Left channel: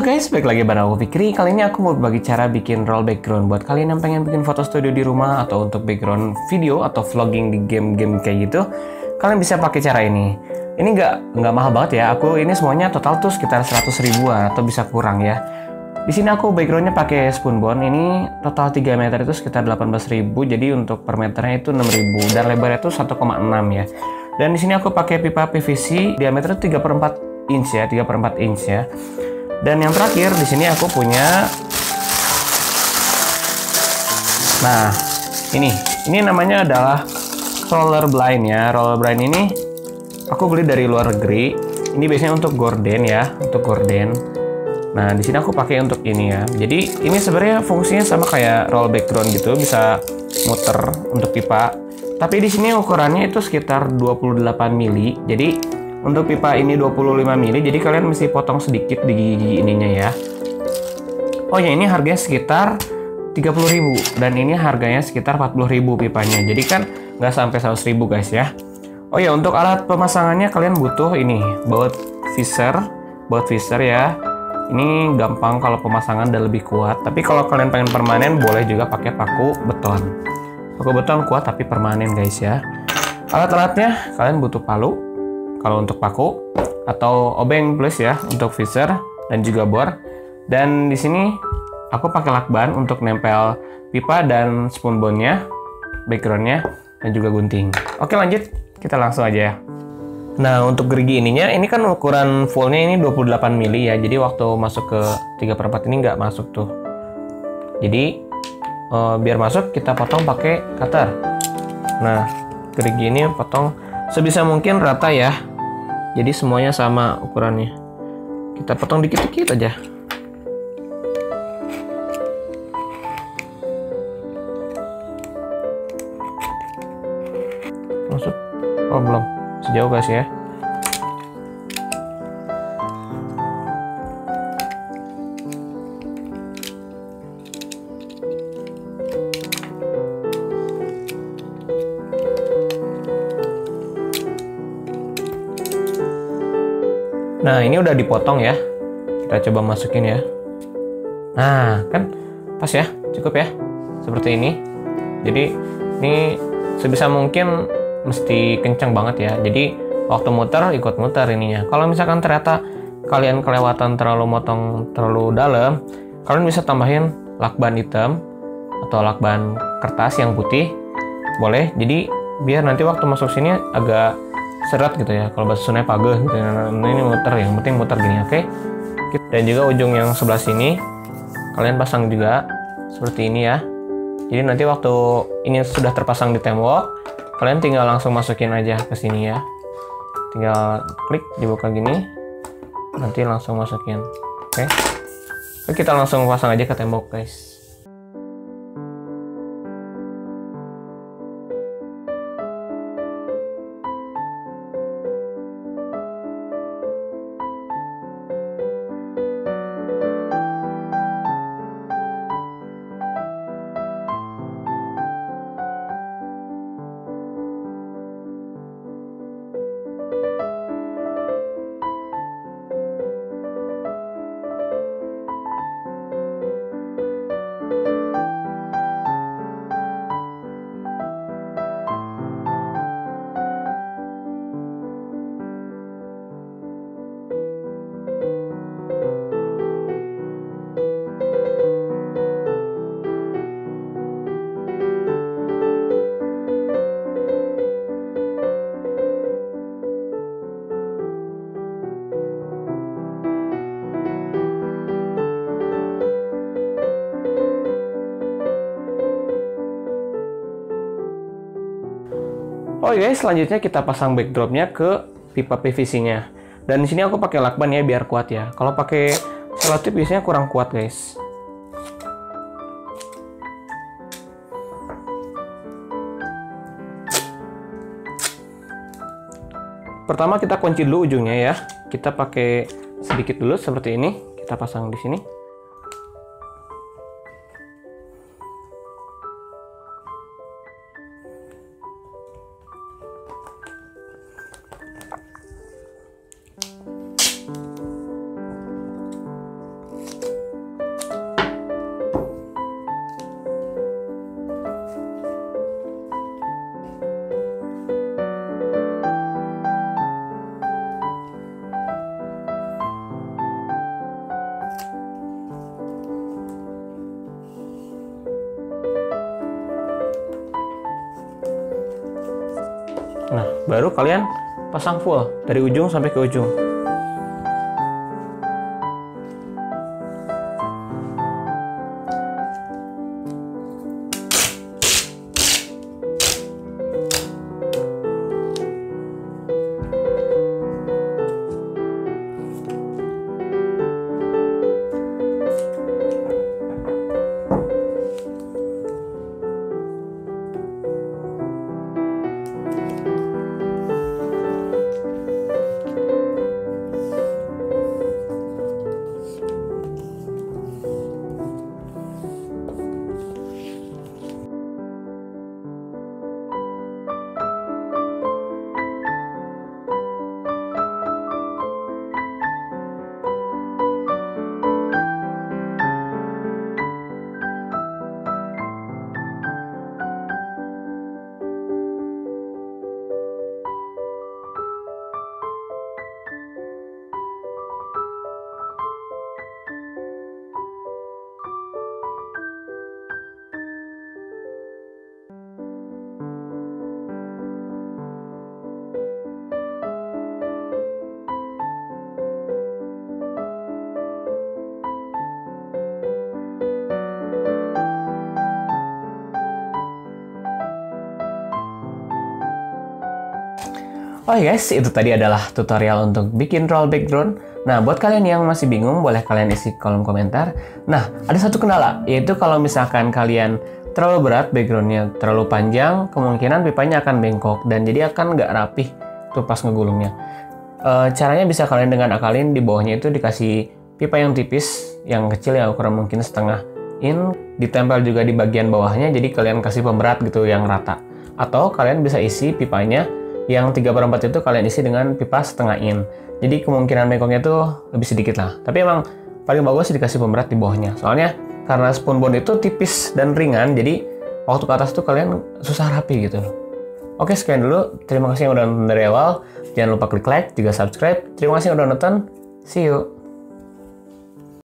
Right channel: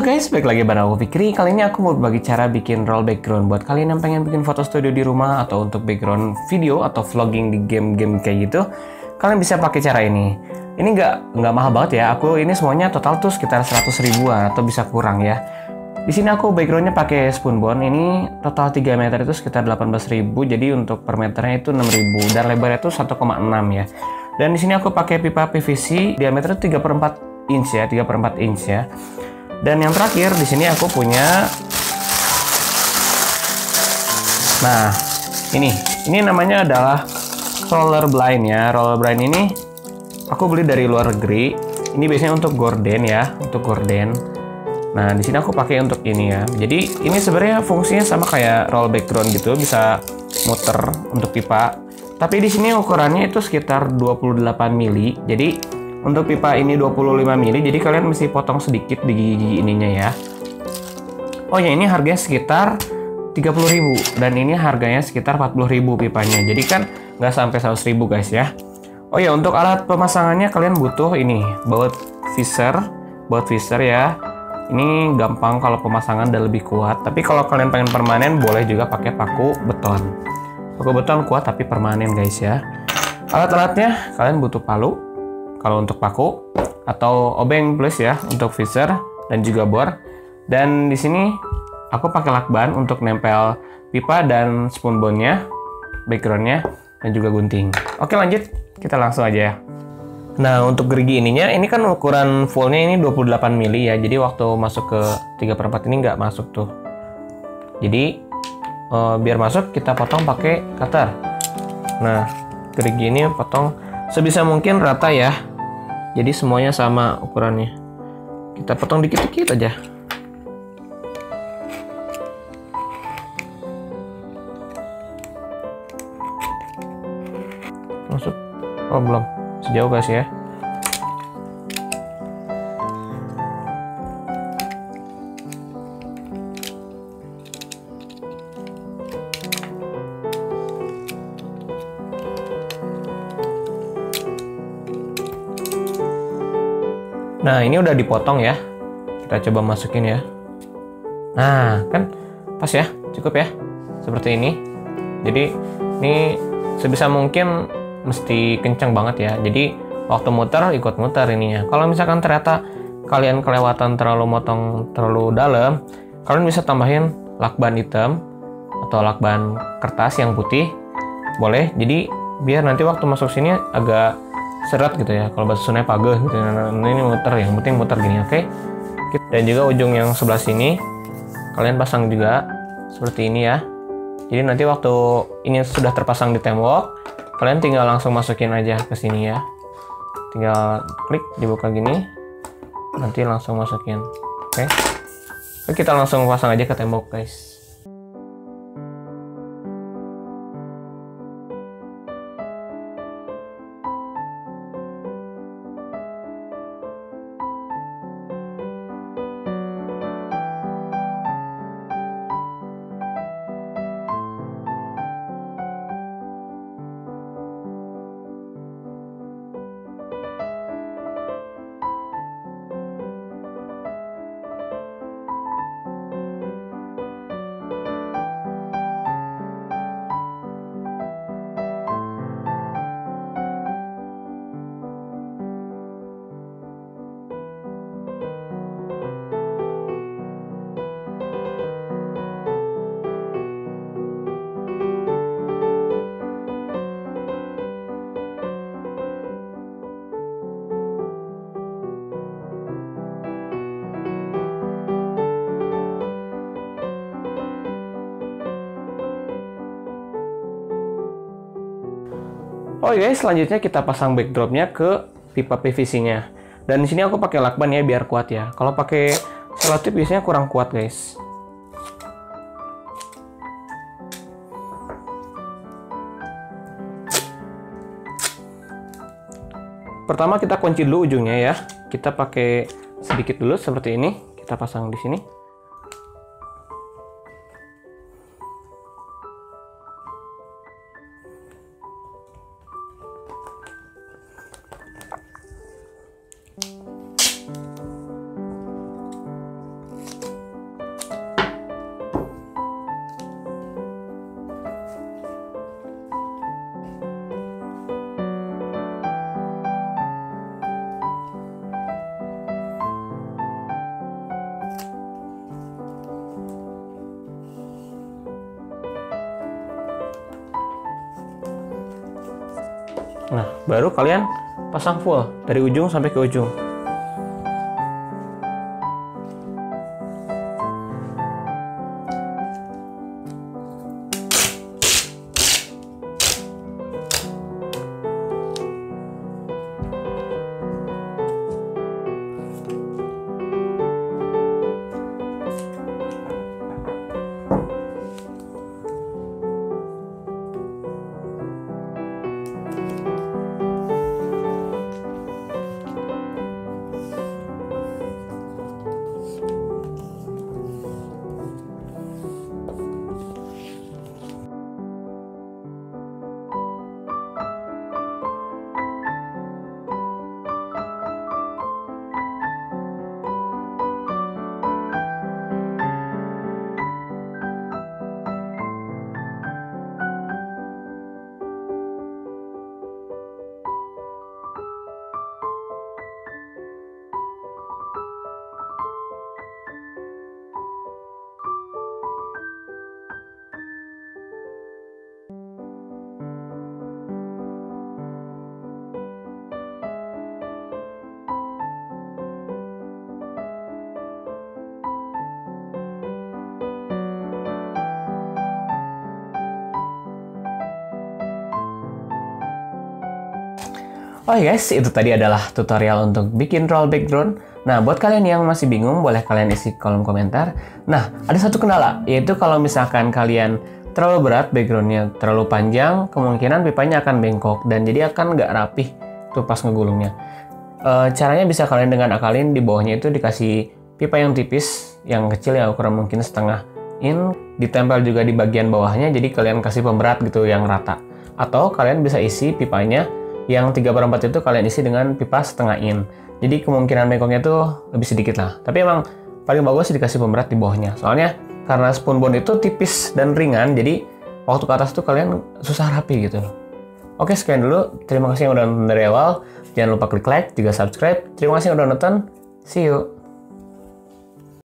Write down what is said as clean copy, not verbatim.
Halo guys, balik lagi bareng aku Fikri. Kali ini aku mau berbagi cara bikin roll background buat kalian yang pengen bikin foto studio di rumah atau untuk background video atau vlogging di game-game kayak gitu. Kalian bisa pakai cara ini. Ini nggak mahal banget ya. Aku ini semuanya total tuh sekitar 100 ribuan atau bisa kurang ya. Di sini aku backgroundnya pakai Spunbond. Ini total 3 meter itu sekitar 18.000. Jadi untuk per meternya itu 6.000 dan lebarnya itu 1,6 ya. Dan di sini aku pakai pipa PVC diameternya 3/4 inch ya, 3/4 inch ya. Dan yang terakhir di sini aku punya, nah ini namanya adalah roller blind ya. Roller blind ini aku beli dari luar negeri. Ini biasanya untuk gorden ya, untuk gorden. Nah di sini aku pakai untuk ini ya. Jadi ini sebenarnya fungsinya sama kayak roll background gitu, bisa muter untuk pipa. Tapi di sini ukurannya itu sekitar 28 mili. Jadi untuk pipa ini 25 mili, jadi kalian mesti potong sedikit di gigi ininya ya. Oh ya, ini harganya sekitar 30.000 dan ini harganya sekitar 40.000 pipanya. Jadi kan nggak sampai 100.000 guys ya. Oh ya, untuk alat pemasangannya kalian butuh ini, baut visor ya. Ini gampang kalau pemasangan dan lebih kuat. Tapi kalau kalian pengen permanen, boleh juga pakai paku beton. Paku beton kuat tapi permanen guys ya. Alat-alatnya kalian butuh palu kalau untuk paku, atau obeng plus ya untuk visor dan juga bor. Dan di sini aku pakai lakban untuk nempel pipa dan spunbondnya, backgroundnya, dan juga gunting. Oke lanjut, kita langsung aja ya. Nah untuk gerigi ininya, ini kan ukuran fullnya ini 28 mili ya. Jadi waktu masuk ke 3/4 ini nggak masuk tuh. Jadi biar masuk kita potong pakai cutter. Nah gerigi ini potong sebisa mungkin rata ya. Jadi semuanya sama ukurannya. Kita potong dikit-dikit aja. Masuk. Oh belum. Sejauh guys ya. Nah ini udah dipotong ya. Kita coba masukin ya. Nah kan pas ya, cukup ya. Seperti ini. Jadi ini sebisa mungkin mesti kencang banget ya. Jadi waktu muter ikut muter ininya. Kalau misalkan ternyata kalian kelewatan terlalu motong terlalu dalam, kalian bisa tambahin lakban hitam atau lakban kertas yang putih. Boleh. Jadi biar nanti waktu masuk sini agak seret gitu ya, kalau bahasa Sunda pageh gitu. Nah, ini muter, yang penting muter gini, oke? Dan juga ujung yang sebelah sini kalian pasang juga seperti ini ya. Jadi nanti waktu ini sudah terpasang di tembok, kalian tinggal langsung masukin aja ke sini ya. Tinggal klik, dibuka gini, nanti langsung masukin, oke? Oke, kita langsung pasang aja ke tembok guys. Oh guys, selanjutnya kita pasang backdropnya ke pipa PVC-nya. Dan di sini aku pakai lakban ya biar kuat ya. Kalau pakai selotip biasanya kurang kuat guys. Pertama kita kunci dulu ujungnya ya. Kita pakai sedikit dulu seperti ini. Kita pasang di sini. Nah, baru kalian pasang full dari ujung sampai ke ujung. Oh guys, itu tadi adalah tutorial untuk bikin roll background. Nah, buat kalian yang masih bingung, boleh kalian isi kolom komentar. Nah, ada satu kendala, yaitu kalau misalkan kalian terlalu berat, backgroundnya terlalu panjang, kemungkinan pipanya akan bengkok, dan jadi akan nggak rapih tuh pas ngegulungnya. Caranya bisa kalian dengan akalin, di bawahnya itu dikasih pipa yang tipis, yang kecil ya, ukuran mungkin setengah in, ditempel juga di bagian bawahnya, jadi kalian kasih pemberat gitu yang rata. Atau kalian bisa isi pipanya yang 3/4 itu kalian isi dengan pipa setengah in. Jadi kemungkinan bengkoknya tuh lebih sedikit lah. Tapi emang paling bagus dikasih pemberat di bawahnya. Soalnya karena spoon bone itu tipis dan ringan, jadi waktu ke atas tuh kalian susah rapi gitu. Oke, sekian dulu. Terima kasih yang udah nonton dari awal. Jangan lupa klik like, juga subscribe. Terima kasih yang udah nonton. See you.